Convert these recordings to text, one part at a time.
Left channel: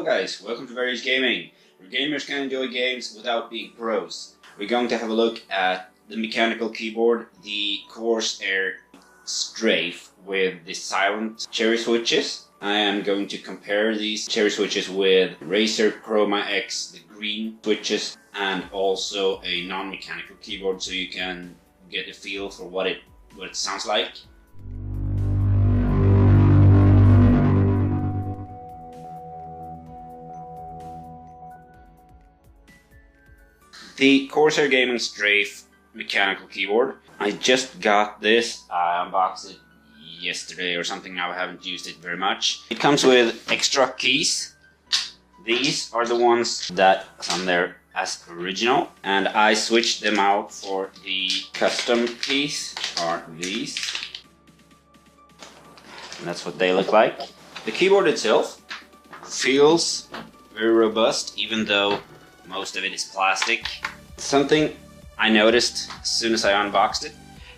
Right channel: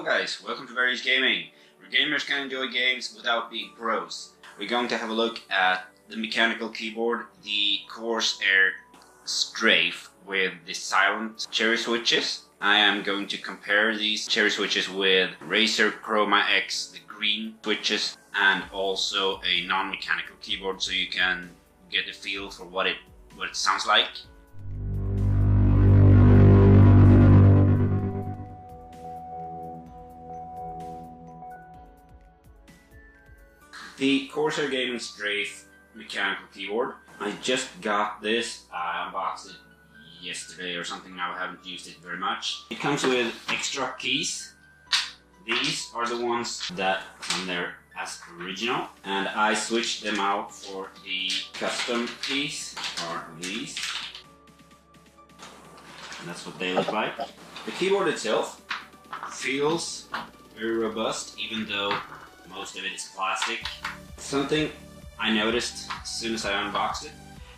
Hello guys, welcome to Various Gaming, where gamers can enjoy games without being pros. We're going to have a look at the mechanical keyboard, the Corsair Strafe with the silent cherry switches. I am going to compare these cherry switches with Razer Chroma X, the green switches, and also a non-mechanical keyboard so you can get a feel for what it sounds like. The Corsair Gaming Strafe mechanical keyboard. I just got this. I unboxed it yesterday or something. Now I haven't used it very much. It comes with extra keys. These are the ones that come there as original, and I switched them out for the custom keys. Are these? And that's what they look like. The keyboard itself feels very robust, even though most of it is plastic. Something I noticed as soon as I unboxed it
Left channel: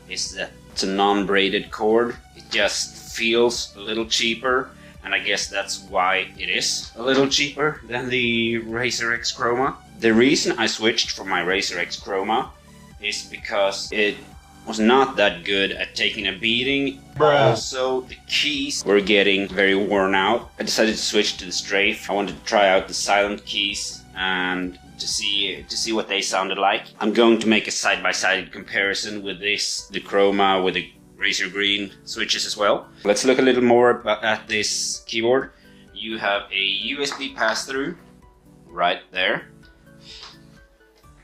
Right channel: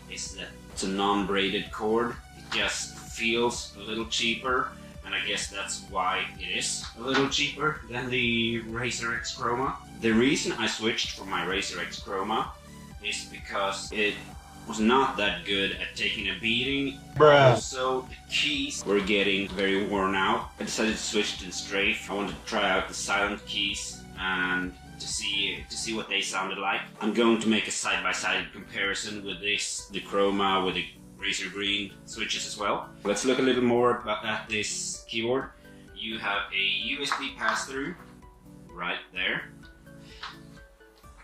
is that it's a non-braided cord. It just feels a little cheaper, and I guess that's why it is a little cheaper than the Razer X Chroma. The reason I switched from my Razer X Chroma is because it was not that good at taking a beating. Also, the keys were getting very worn out. I decided to switch to the Strafe. I wanted to try out the silent keys and to see what they sounded like. I'm going to make a side-by-side comparison with the Chroma with the Razer Green Switches as well. Let's look a little more at this keyboard. You have a USB pass-through right there.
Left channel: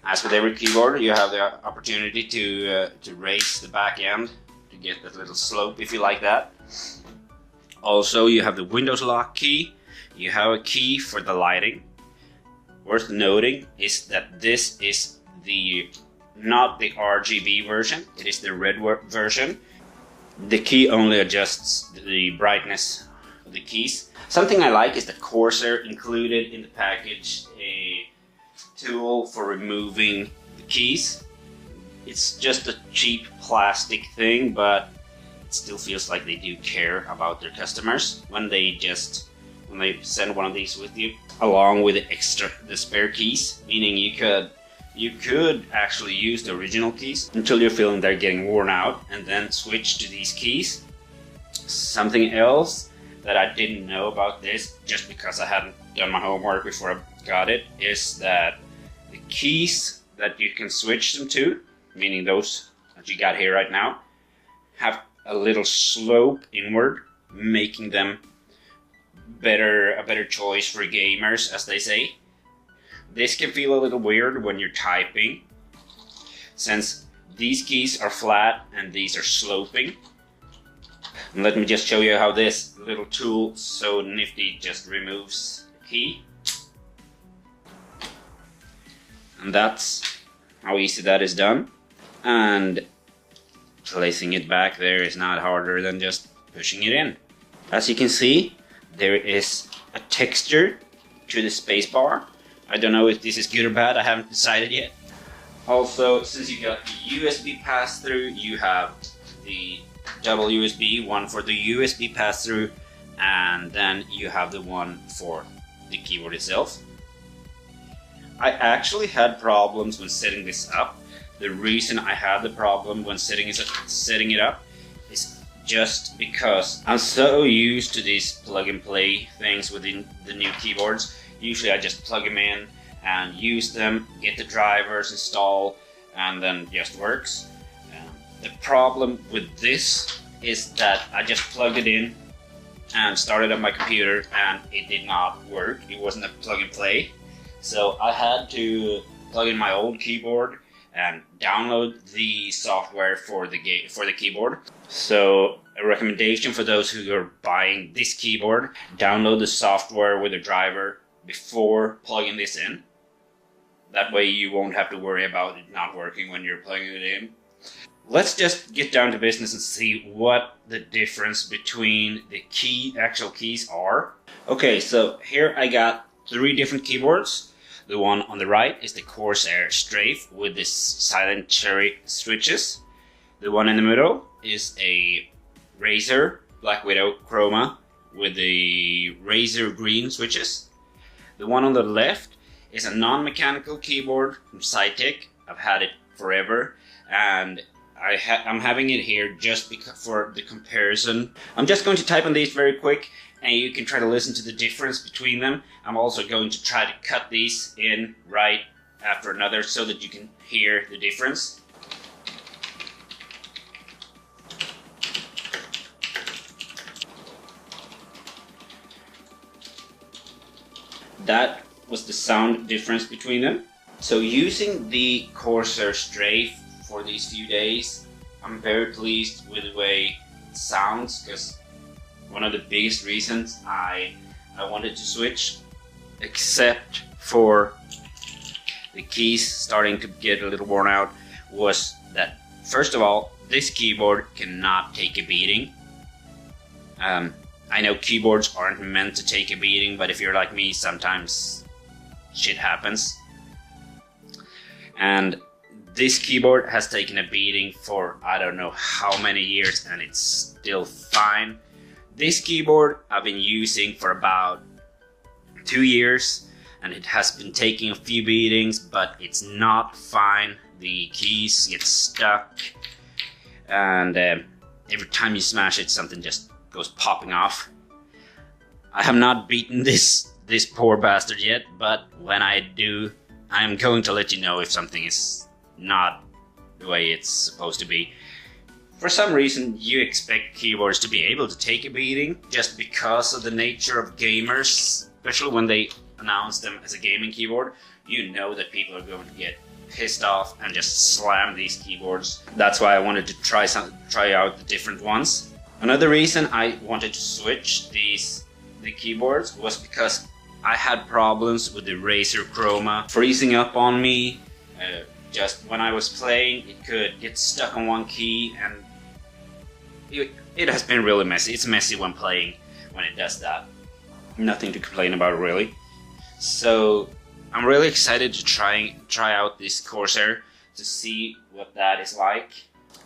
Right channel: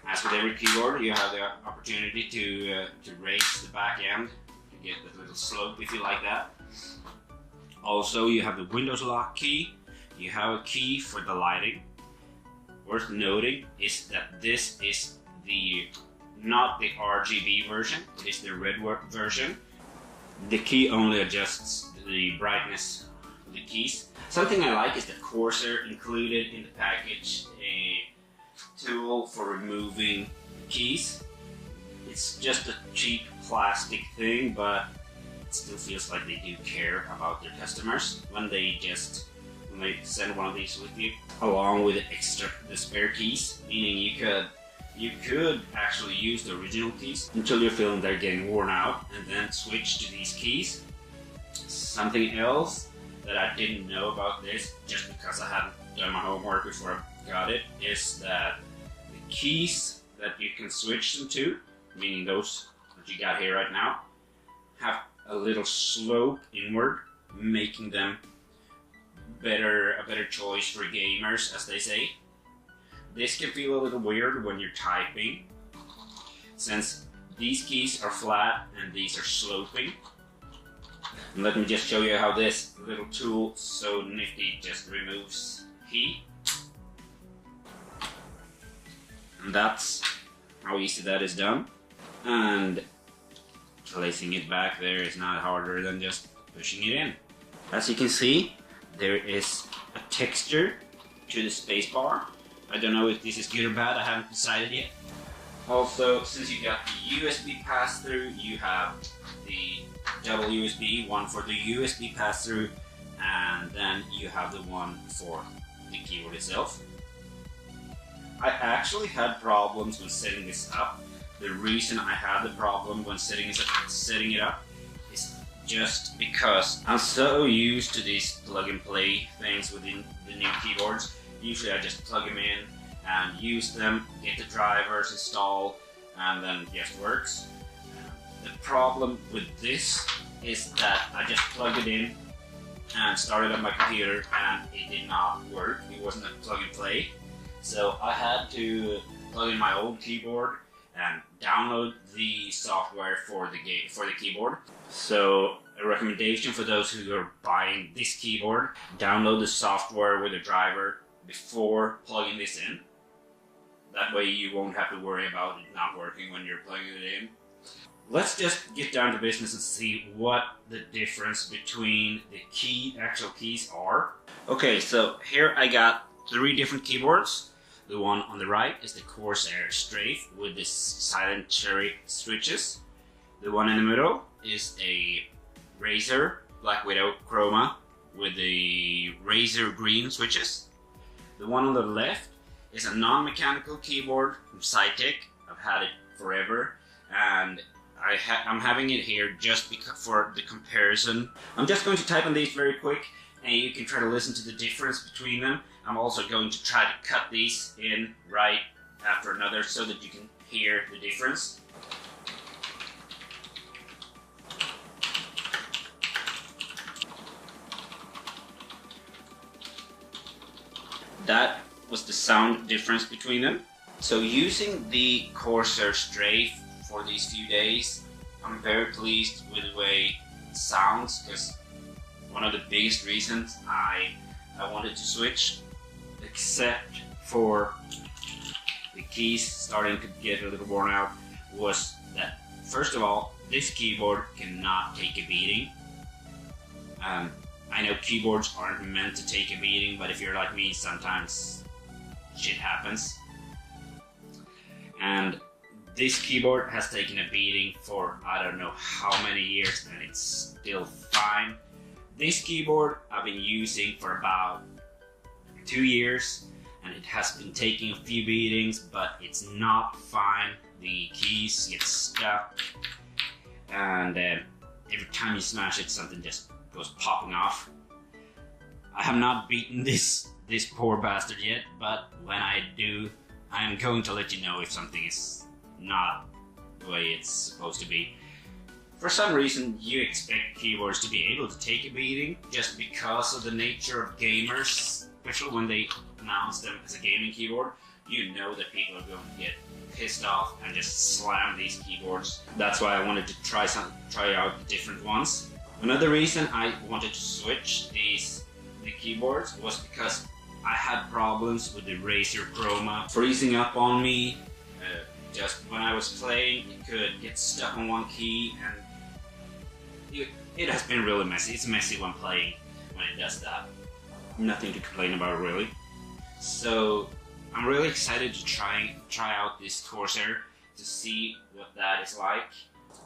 As with every keyboard, you have the opportunity to raise the back end to get that little slope if you like that. Also, you have the Windows lock key. You have a key for the lighting. Worth noting is that this is not the RGB version, it is the red version. The key only adjusts the brightness of the keys. Something I like is that Corsair included in the package a tool for removing the keys. It's just a cheap plastic thing, but it still feels like they do care about their customers when they send one of these with you, along with the spare keys, meaning you could actually use the original keys until you're feeling they're getting worn out, and then switch to these keys. Something else that I didn't know about this, just because I hadn't done my homework before I got it, is that the keys that you can switch them to, meaning those that you got here right now, have a little slope inward, making them a better choice for gamers, as they say. This can feel a little weird when you're typing, since these keys are flat and these are sloping. And let me just show you how this little tool, so nifty, just removes the key. And that's how easy that is done. And placing it back there is not harder than just pushing it in. As you can see, there is a texture to the spacebar. I don't know if this is good or bad, I haven't decided yet. Also, since you got the USB pass-through, you have the double USB, one for the USB pass-through, and then you have the one for the keyboard itself. I actually had problems when setting this up. The reason I had the problem when setting it up is just because I'm so used to these plug-and-play things within the new keyboards. Usually I just plug them in and use them, get the drivers installed, and then it just works. The problem with this is that I just plugged it in and started on my computer and it did not work. It wasn't a plug-and-play. So I had to plug in my old keyboard and download the software for the keyboard. So a recommendation for those who are buying this keyboard: download the software with a driver before plugging this in. That way you won't have to worry about it not working when you're plugging it in. Let's just get down to business and see what the difference between the actual keys are. Okay, so here I got 3 different keyboards. The one on the right is the Corsair Strafe with this silent cherry switches. The one in the middle is a Razer Black Widow Chroma with the Razer Green Switches. The one on the left is a non-mechanical keyboard from Cytec. I've had it forever, and I'm having it here just for the comparison. I'm just going to type on these very quick, and you can try to listen to the difference between them. I'm also going to try to cut these in right after another so that you can hear the difference. That was the sound difference between them. So using the Corsair Strafe for these few days, I'm very pleased with the way it sounds, because one of the biggest reasons I wanted to switch, except for the keys starting to get a little worn out, was that first of all, this keyboard cannot take a beating. I know keyboards aren't meant to take a beating, but if you're like me, sometimes shit happens. And this keyboard has taken a beating for I don't know how many years, and it's still fine. This keyboard I've been using for about 2 years, and it has been taking a few beatings, but it's not fine. The keys get stuck, and every time you smash it, something just goes popping off. I have not beaten this poor bastard yet, but when I do, I'm going to let you know if something is not the way it's supposed to be. For some reason, you expect keyboards to be able to take a beating just because of the nature of gamers, especially when they announce them as a gaming keyboard. You know that people are going to get pissed off and just slam these keyboards. That's why I wanted to try out the different ones. Another reason I wanted to switch the keyboards was because I had problems with the Razer Chroma freezing up on me. Just when I was playing, it could get stuck on one key, and it has been really messy. It's messy when playing when it does that. Nothing to complain about really. So I'm really excited to try out this Corsair to see what that is like.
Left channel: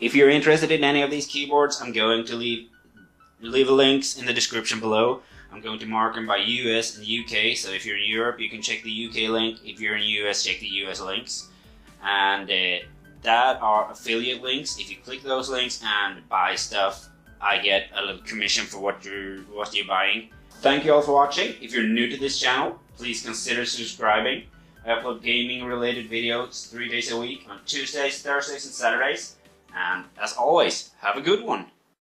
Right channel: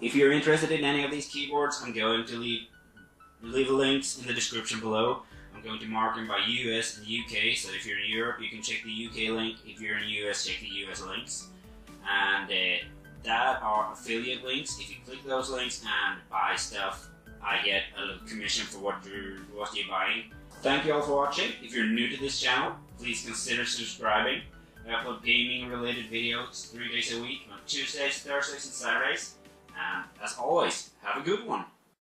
If you're interested in any of these keyboards, I'm going to leave links in the description below. I'm going to mark them by US and UK, so if you're in Europe, you can check the UK link. If you're in US, check the US links. And that are affiliate links. If you click those links and buy stuff, I get a little commission for what you're buying. Thank you all for watching. If you're new to this channel, please consider subscribing. I upload gaming related videos 3 days a week on Tuesdays, Thursdays and Saturdays. And as always, have a good one.